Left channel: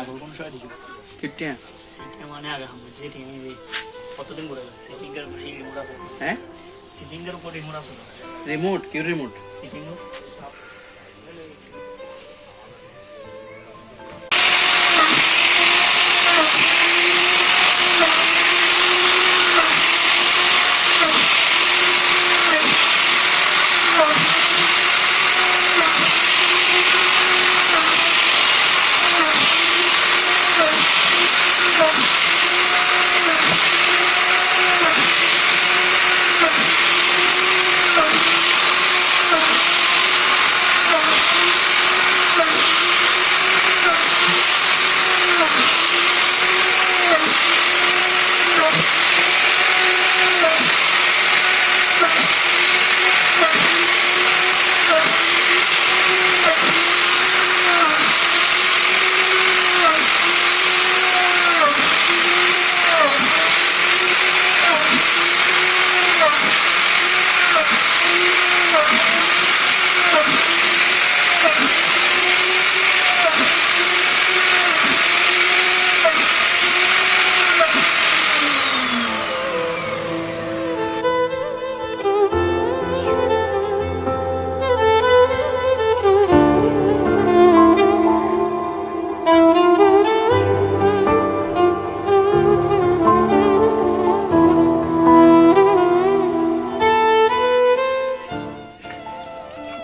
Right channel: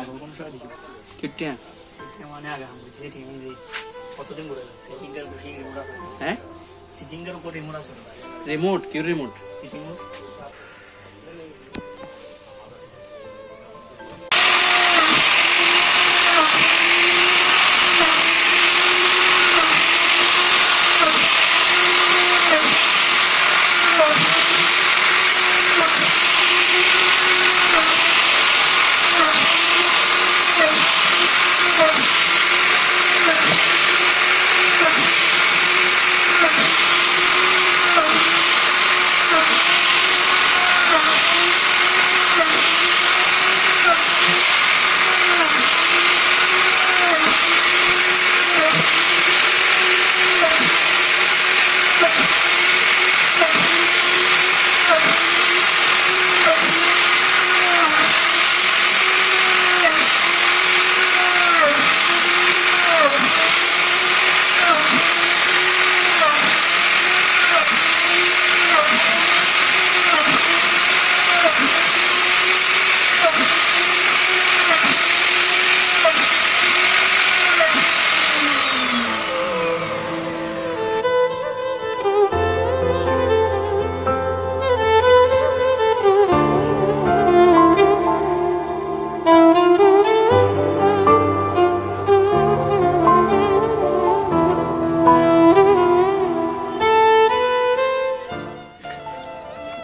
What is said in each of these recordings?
আগর কোন সময় দেখি কিটিয়া এটা মানে আগে আমি যে টিনে যে কতদিন করে সেটিংয়ের উপর সেই রিমোট আছে হ্যাঁ সেটিংয়ের উপর রিমোট আছে রিমোট কি রিমোট সেটিং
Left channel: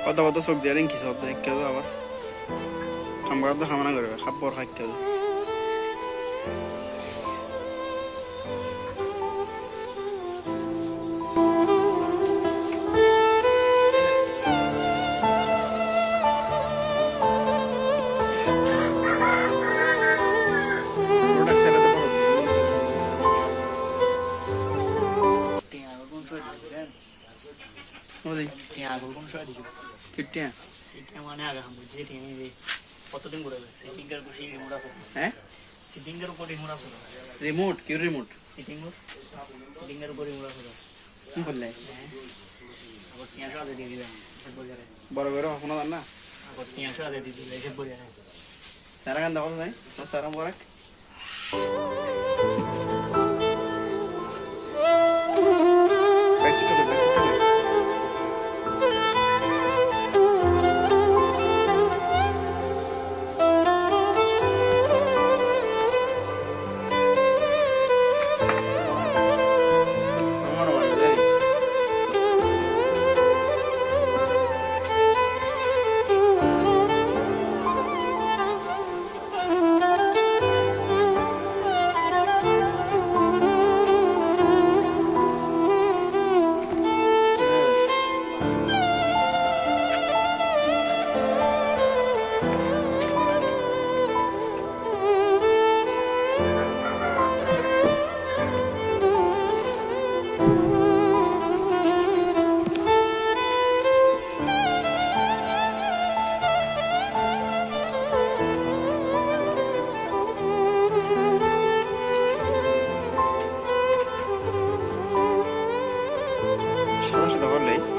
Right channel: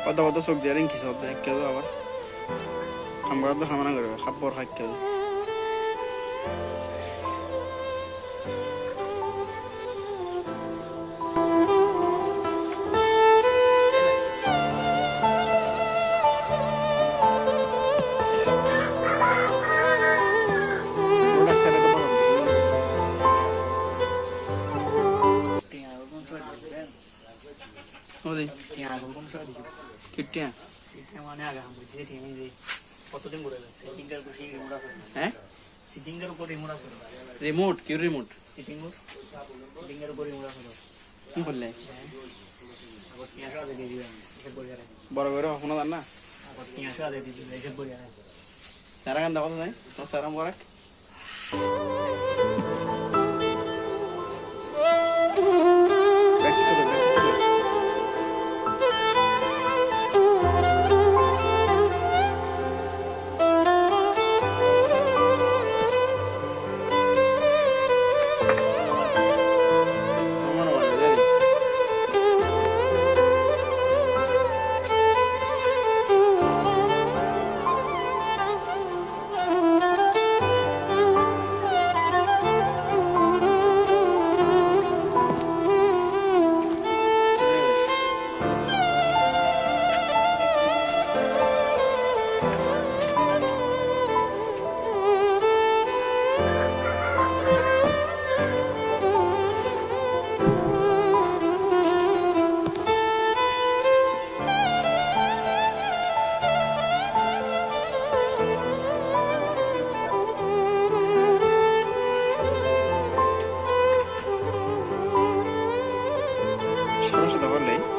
কত কত চোখ দিয়ে রিঙ্কি সব দেখে তো আবার খামগার তো খামানা করবে খাপ্পর খাইকে আগর কোন সময় দেখি কিটিয়া এটা মানে আগে আমি যে টিনে যে কতদিন করে সেটিংয়ের উপর সেই রিমোট আছে হ্যাঁ সেটিংয়ের উপর রিমোট আছে রিমোট কি রিমোট সেটিংয়ের উপর রিমোট আছে কি করলে আগর 300 আগে দিয়ে দিবেন এসব বলে আরে বড় বড় কখনো জান না আগর 300 আগে দিয়ে দিবেন এসব বলে আরে সারা গান দেখো নাই তো সারা মোবারক ব্যাকস্টপ সাদা সাদা হলেই